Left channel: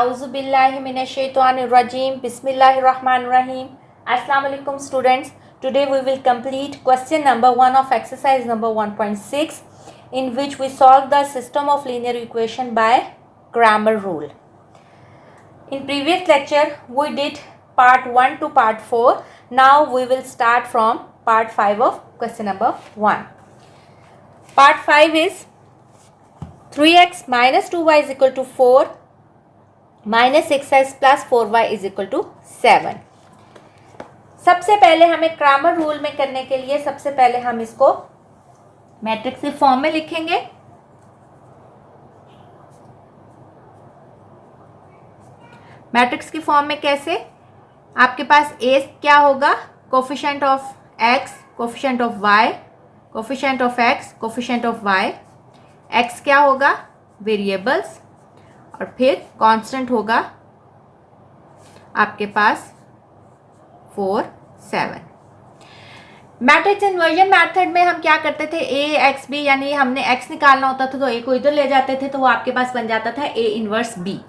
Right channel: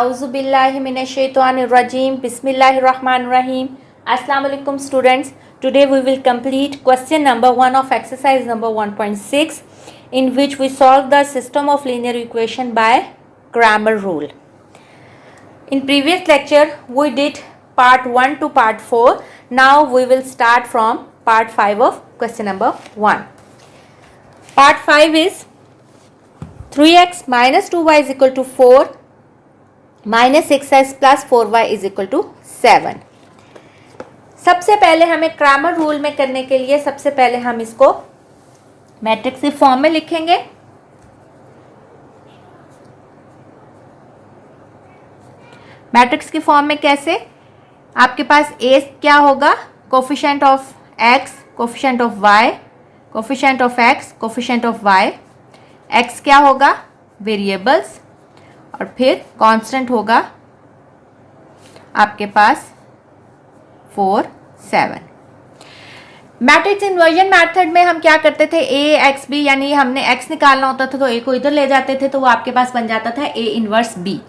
Auzubillahiminashaitanirrajim. Bismillahirrahmanirrahim. Assalamu alaikum students. Today we will complete question number 1 of exercise number 1.6 in which we solve the system of linear equation by Cramer rule. In previous lecture we did part 1 to part 4. Now we will start from part 5 of question number 1. Part 5 is 3x minus 2y is equal to 4 minus 6x plus 4y is equal to 7. सबसे पहले हमें Cramer rule में करने के लिए सबसे पहले हम इसको मैट्रिक्स के फॉर्म में लिखेंगे. मैट्रिक्स की फॉर्म में कैसे? आपके पास ए क्या होगा? Coefficient of x, coefficient of y, coefficient of x, coefficient of y. X क्या होगा? वेरिएबल्स. और फिर कांस्टेंट होगा आपके पास 4, 7. मैट्रिक्स इन्वर्जन मेथड में हम क्या करते थे? ए एक्स बी, यानी हमने एक्स निकालना होता था तो ए को इधर ले जाते थे तो वो आपके पास बन जाता था ए इनवर्स बी.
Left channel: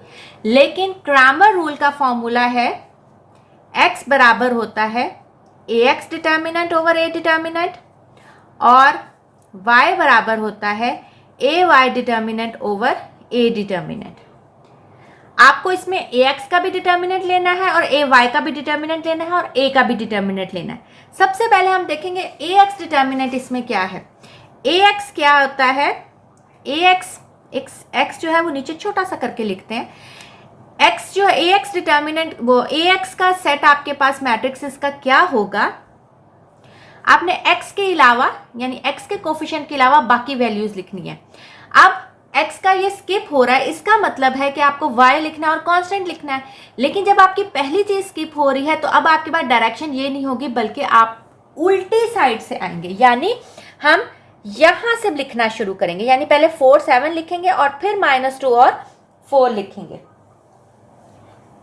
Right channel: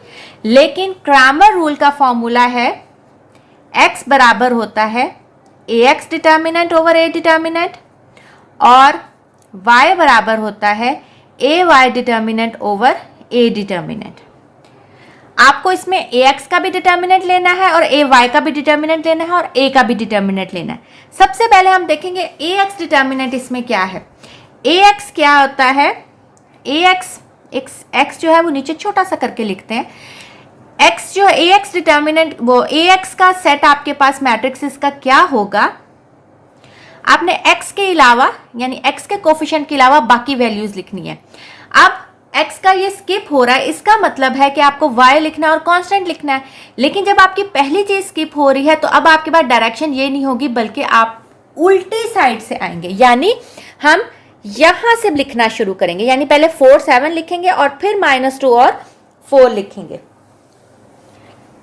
लेकिन क्रैमर रूल का फॉर्मूला है एक्स बराबर होता है A x determinant over A determinant और वाई बराबर होता है A Y determinant over A determinant. आपको इसमें ए एक्स का भी डिटर्मिनेंट लेना है और ए वाई का भी डिटर्मिनेंट लेना है और ए का भी डिटर्मिनेंट लेना है. सबसे पहले हम देखेंगे ए एक्स डिटर्मिनेंट इसमें क्या है. ए एक्स क्या होता है? ए एक्स जो है वो नीचे छोटा सा करके लिखते हैं. एक्स जो है ए एक्स डिटर्मिनेंट, वो ए एक्स का सेट आपके पास मैट्रिक्स का क्या होगा? आपने एक्स के अलावा यानी एक्स के कोफिशिएंट के अलावा बाकी वैल्यूज लिखनी है. अब एक्स का ये स्किप हो रहा है, इसका मतलब है कि आपको वाई लिखना है और कांस्टेंट लिखना है. लेकिन जब आपकी पहली चीज स्किप हो रही है तो अब आपके पास डायरेक्शन ये नहीं होगी बल्कि आप उल्टी साइड से आएंगे. यानी हम यहां से लिखना शुरू करेंगे. यानी पहले 4, 7 लिखेंगे और फिर -2 और 4 लिखेंगे.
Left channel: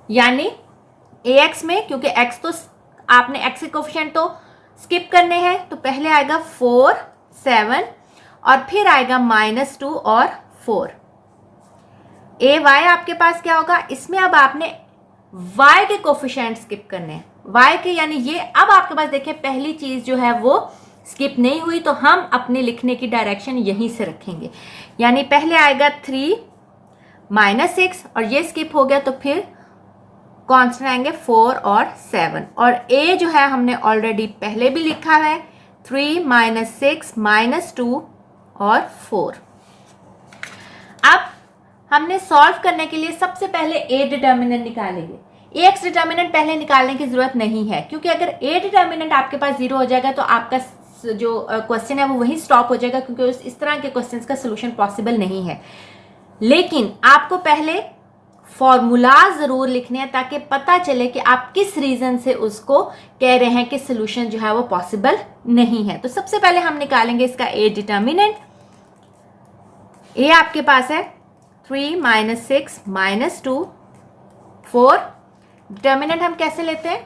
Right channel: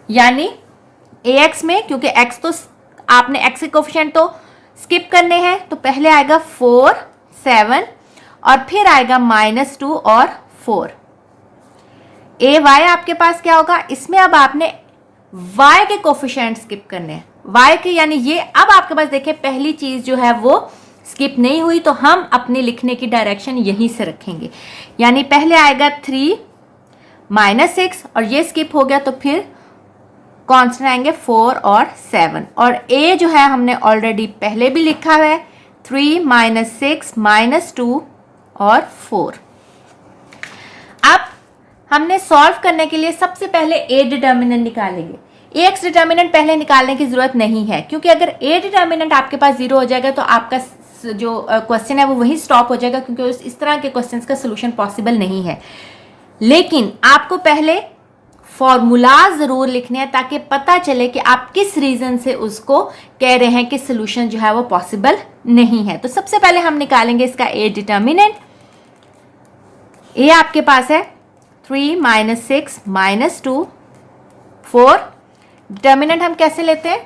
यानी ए एक्स में क्योंकि एक्स तो आपने एक्स के कोफिशिएंट तो स्किप करने हैं तो पहले आएगा 4, 7 और फिर आएगा -2 और 4. ए वाई आपके पास क्या होगा? इसमें अब आपने वाई के कोफिशिएंट स्किप करने हैं. वाई के यानी ये अब आपके पास देखिए पहली चीज जो है वो स्किप नहीं हुई तो हम अपने लिखने की डायरेक्शन यहीं से रखेंगे. यानी पहले आएगा 3 -6 और ये स्किप हो गया तो फिर कांस्टेंट आएंगे 4 और 7. और ए जो है हमने ऑलरेडी पहले भी लिखा हुआ है 3 -6 -2 और 4. अब हमने सॉल्व करने के लिए सबसे पहले ए डिटर्मिनेंट निकालेंगे. ए एक्स डिटर्मिनेंट पहले निकालने की जरूरत नहीं है क्योंकि अगर ए डिटर्मिनेंट आपके पास 0 हो जाएगा तो आपका जो क्वेश्चन है वो वहीं स्टॉप हो जाएगा क्योंकि इस तरह के क्वेश्चंस का सोल्यूशन पॉसिबल नहीं है. लेकिन आपको पहले फॉर्मूला जरूर लिखने हैं ताकि पता चले कि आप किस रीजन से उसको कह रहे हैं कि सोल्यूशन जो है वो पॉसिबल नहीं है. तो सबसे पहले हम निकालेंगे इसका ए डिटर्मिनेंट. ए आपके पास है 3 -6 -2 4. डिटर्मिनेंट हम कैसे लेते हैं?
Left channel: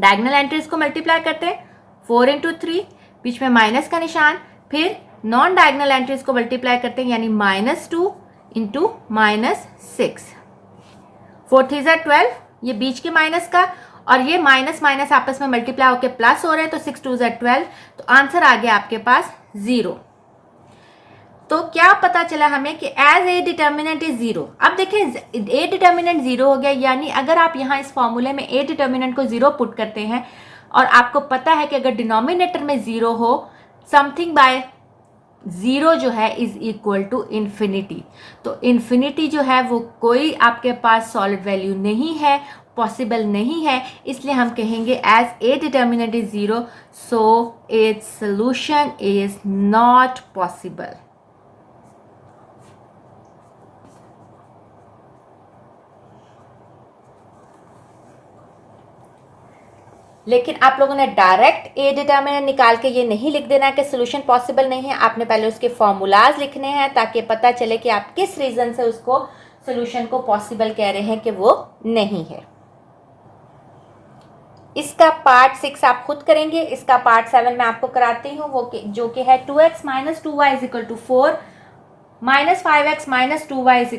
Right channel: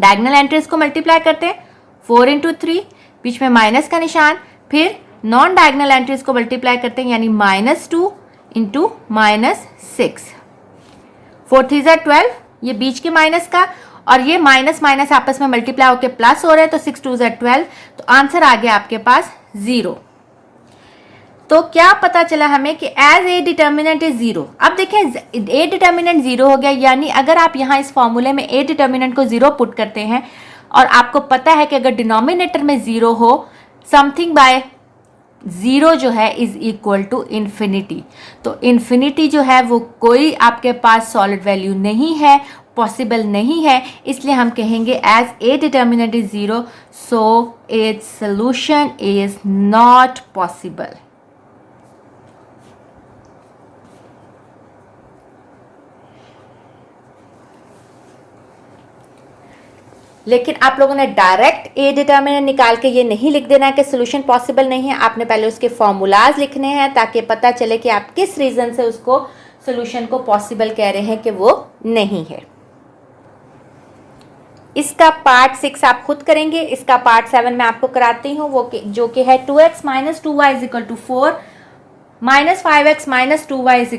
डायगोनल एंट्रीज को मल्टीप्लाई करते हैं. 4 × 3 बीच में माइनस का निशान, फिर नॉन डायगोनल एंट्रीज को मल्टीप्लाई करते हैं यानी -2 × -6. 4 3 12 ये बीच के माइनस का और ये माइनस माइनस आपस में मल्टीप्लाई होकर प्लस हो रहे हैं तो 6 2 12. तो आंसर आ गया आपके पास 0. तो क्या पता चला हमें कि एज ए डिटर्मिनेंट इज 0. अब देखिए ए डिटर्मिनेंट 0 हो गया यानी अगर आप यहाँ इस फॉर्मूले में ए डिटर्मिनेंट को 0 पुट करते हैं और आपको पता है कि अगर डिनोमिनेटर में 0 हो समथिंग बाय 0 जो है इज इक्वल टू इन्फिनिटी. तो इन्फिनिटी जो है वो कोई आपके पास सॉलिड वैल्यू नहीं है, पॉसिबल नहीं है. इसलिए हम कहेंगे as A determinant is 0 so its solution is not possible. लेकिन आप लोगों ने डायरेक्ट ए डिटर्मिनेंट निकाल के ये नहीं लिख देना कि सोल्यूशन पॉसिबल नहीं है. आपने पहले उसके फॉर्मूलाज लिखने हैं ताकि पता चले कि आप किस रीजन से उसको सोल्यूशन को पॉसिबल कह रहे हैं कि वो नहीं है. इसका पार्ट 6 आप खुद करेंगे. इसका पार्ट 7 मैं आपको कराती हूँ वो जो कि है 2x - 2y = 4 -5x - 2y =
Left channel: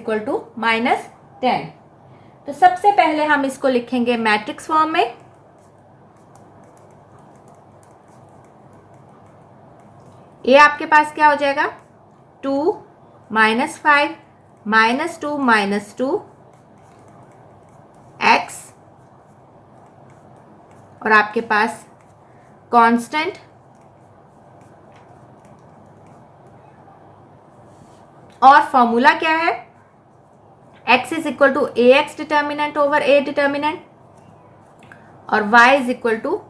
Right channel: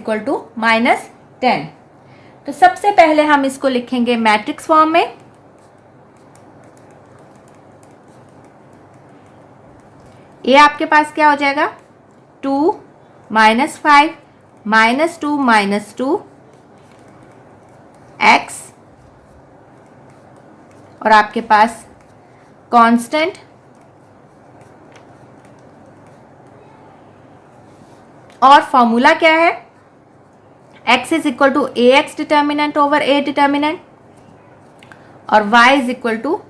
10। तो सबसे पहले हम इसको लिखेंगे मैट्रिक्स फॉर्म में। ए आपके पास क्या हो जाएगा, 2 - 5 -2 -2 x, और आपके पास कांस्टेंट और फॉर्मूला क्या है, x is equal to A x determinant over A determinant और y is equal to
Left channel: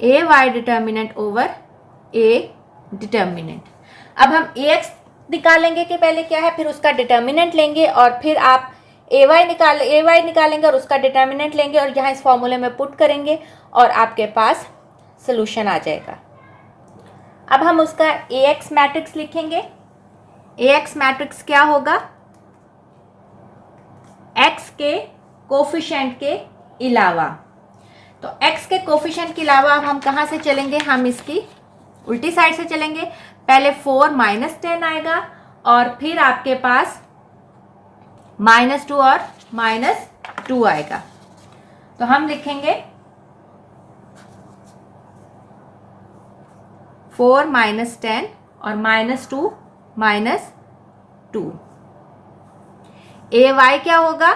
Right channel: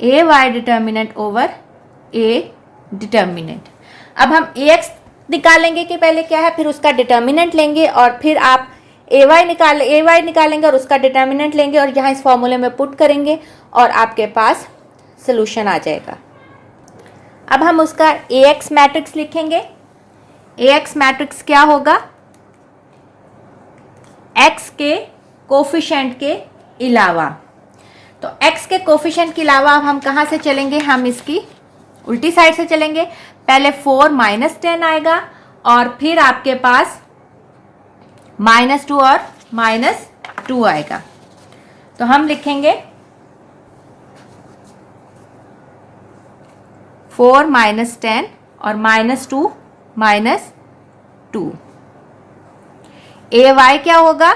A Y determinant over A determinant. अब हम ए एक्स निकालेंगे कि पहले क्या है, फिर उसका डिटर्मिनेंट लेंगे और फिर आप ए वाई निकालेंगे और उसका डिटर्मिनेंट लेंगे और यहाँ इस फॉर्मूले में पुट करेंगे और आपके पास सोल्यूशन आ जाएगा। अब हम उसका ए एक्स मैट्रिक्स लिखेंगे। ए एक्स मैट्रिक्स क्या होगा, x के कोफिशिएंट के अलावा। तो x के कोफिशिएंट के अलावा अब हम कहाँ से चलेंगे, हम इसकी उल्टी साइड से चलेंगे। पहले 4 - 10 आएगा और फिर आपके पास -2 और -2 आएगा। तो हम लिखेंगे 4 - 10 और -2 -2। ए वाई क्या होगा,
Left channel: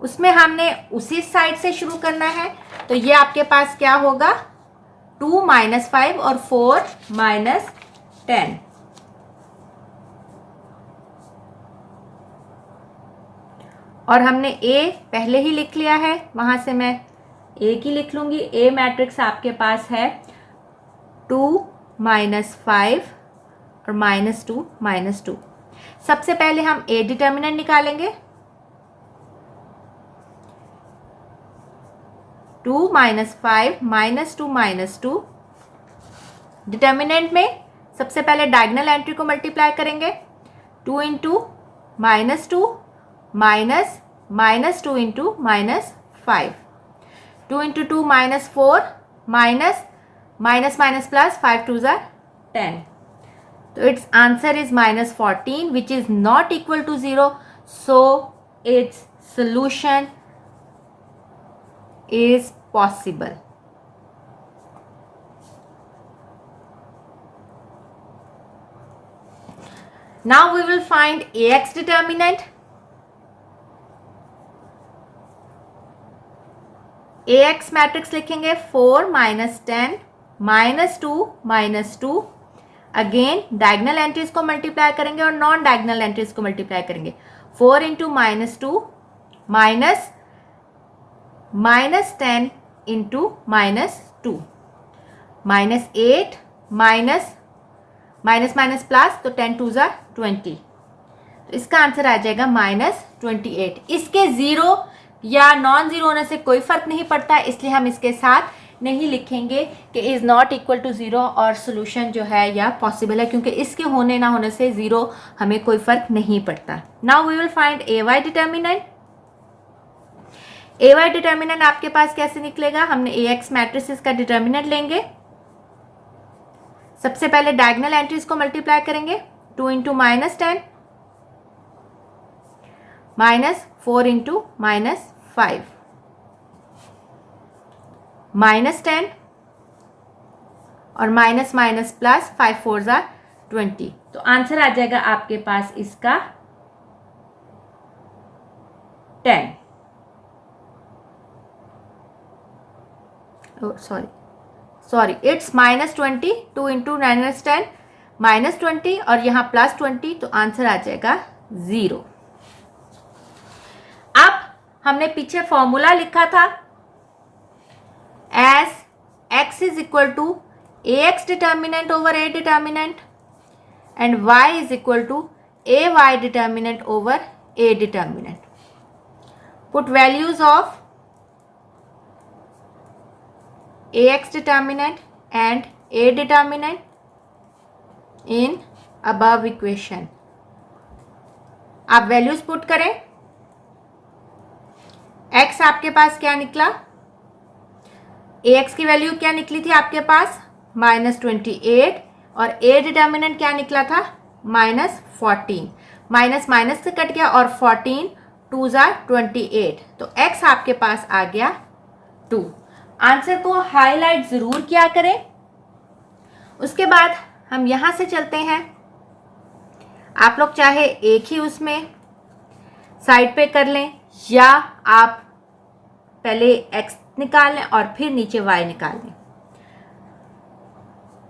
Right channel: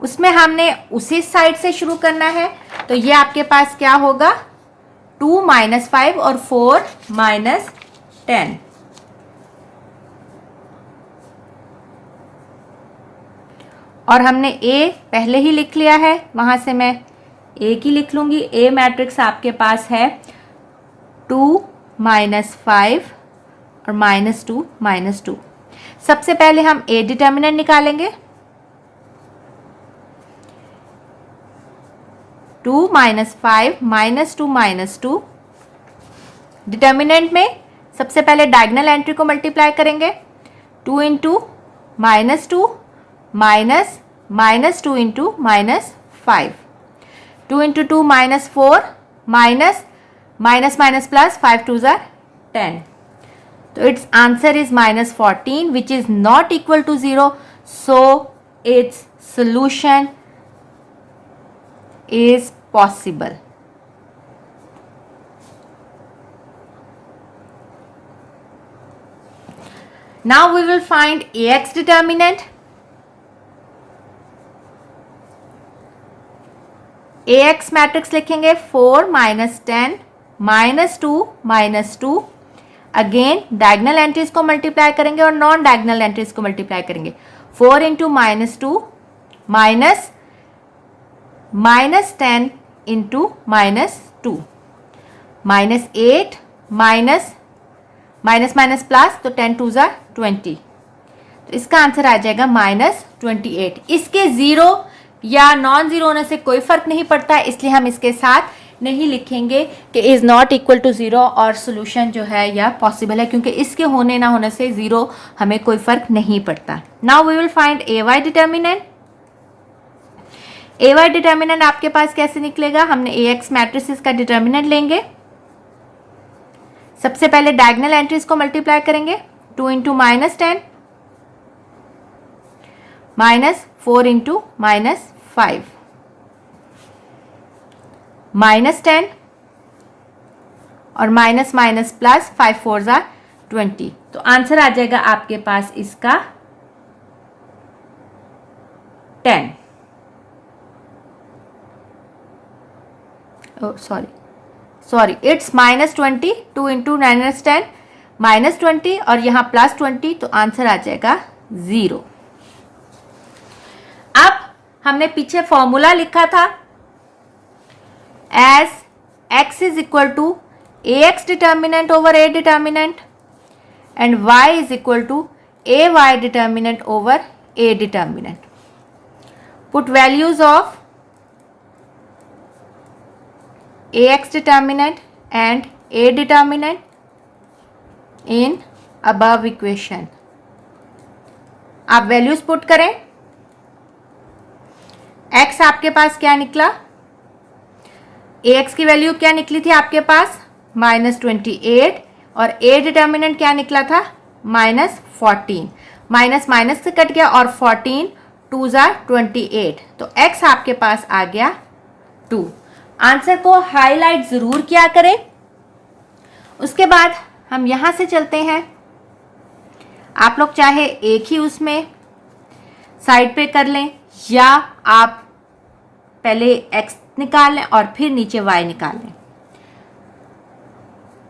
उसमें हमने उसी साइड से शुरू करना है। तो ये आपके पास क्या होगा, 2 - 5 और 4 - 10। और हमने ए पहले ही लिख लिया है, वहां से मैं ए की लिख लूंगी। ए मैट्रिक्स आपके पास है 2 - 5 और -2 -2। सबसे पहले हम ए डिटर्मिनेंट निकालेंगे। 2 - 5 -2 -2। डिटर्मिनेंट में सबसे पहले डायगोनल एंट्री को मल्टीप्लाई करेंगे। 2 × -2 minus -2 × -5। 2 × 2 -4 minus minus plus 5 2s are 10. So its answer is -14, which is not equal to 0. So its solution is possible. Now we will find AX determinant. AX matrix लिखेंगे 4 - 10 -2 -2। Again diagonal entries को multiply करेंगे और non diagonal entries को multiply करेंगे। 4 × -2 minus -10 × -2 -8 minus plus, तो 10 2s are 20। तो इसका answer आ जाएगा -28। इसके जीरो या नॉन जीरो होने से कोई फर्क नहीं पड़ता, इसलिए हम इसके साथ नहीं लिखेंगे कि इज नॉट इक्वल टू 0 और सोल्यूशन जो है या पॉसिबल है, क्योंकि इसके होने ना होने से जीरो हमें कोई फर्क नहीं पड़ता। Now we will find A Y determinant. A Y determinant आपके पास कैसे निकलेगा, हमने ए एक्स मैट्रिसेस का डिटर्मिनेंट लेंगे। सबसे पहले डायगोनल एंट्रीज को मल्टीप्लाई करेंगे। 2 × -10 -4 × -5 -10 और माइनस प्लस 5 4s are 20। तो आंसर आ जाएगा आपके पास इसका 10। Sorry it's -20। 2 × -10 -20 और यहां +20, तो आंसर आ जाएगा 0। अब हमने पीछे फॉर्मूला लिखा था as x is equal to ax determinant over a determinant and y is equal to ay determinant over a determinant. Put values of ax determinant and a determinant in above equation. आप values put करें। x आपके पास क्या निकला, ax की value क्या निकली थी आपके पास -28 और a डिटर्मिनेंट क्या निकला था -14। माइनस से कट गया और 14 2 ज़ा 28, तो x आपके पास आ गया 2। आंसर को हाईलाइट जरूर किया करें। उसके बाद हम यहां से चलते हैं। आप लोग चाहे एक ही उसमें साइड पे कर लें या आप पहले x निकाल लें और फिर नीचे y निकाल लें।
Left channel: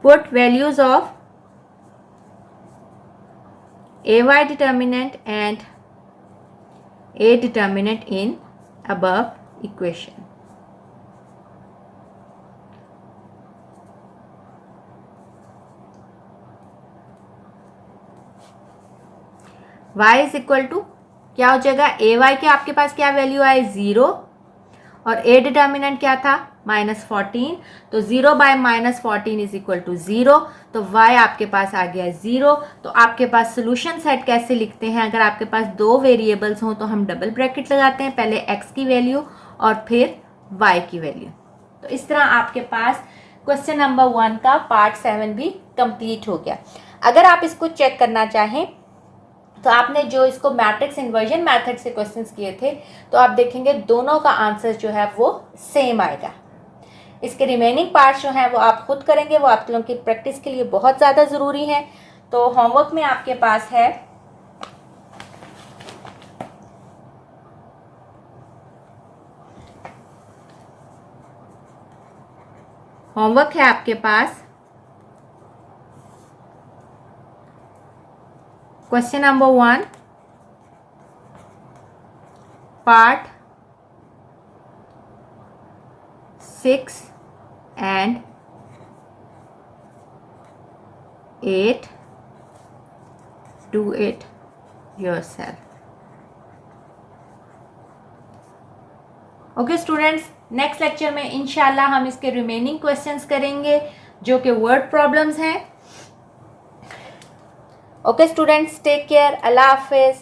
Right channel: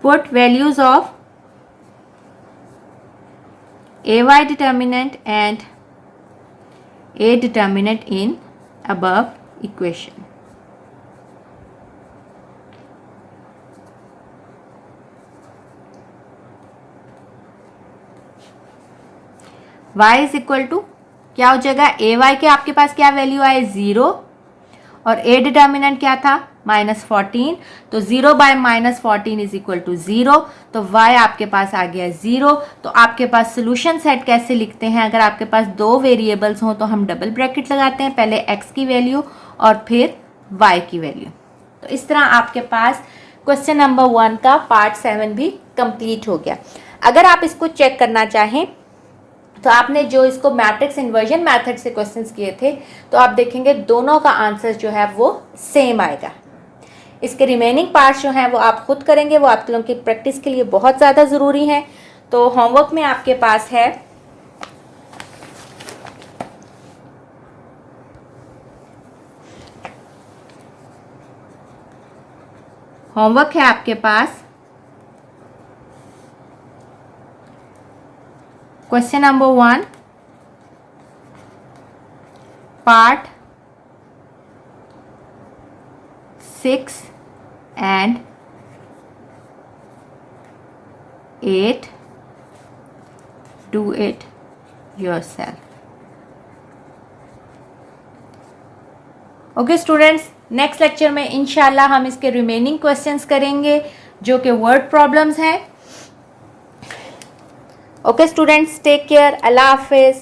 Put values of ay determinant and a determinant in above equation. y is equal to क्या हो जाएगा, ए वाई के आपके पास क्या वैल्यू आए 0 और ए डिटर्मिनेंट क्या था -14, तो 0 बाय -14 इज इक्वल टू 0, तो y आपके पास आ गया 0। तो आपके पास सोल्यूशन सेट कैसे लिखते हैं, अगर आपके पास दो वेरिएबल्स हों तो हम डबल ब्रैकेट लगाते हैं, पहले x की वैल्यू और फिर y की वैल्यू। तो इस तरह आपके पास क्वेश्चन नंबर 1 का पार्ट 7 भी कंप्लीट हो गया। अगर आप इसको चेक करना चाहें तो आपने जो इसको मैट्रिक्स इन्वर्जन मेथड से क्वेश्चंस किए थे, तो आप देखेंगे दोनों का आंसर जो है वो सेम आएगा। इसके रिमेनिंग पार्ट्स जो हैं वो आप खुद करेंगे, वो आप लोगों की प्रैक्टिस के लिए बहुत ज़्यादा ज़रूरी है। तो होमवर्क में आपके पास है आपके पास question number 1 part 6 and 8, do it yourself. Okay students, next lecture में इंशाल्लाह हम इसके रिमेनिंग क्वेश्चंस करेंगे जो कि वर्ड प्रॉब्लम्स हैं। ओके स्टूडेंट्स, टेक केयर, अल्लाह हाफिज।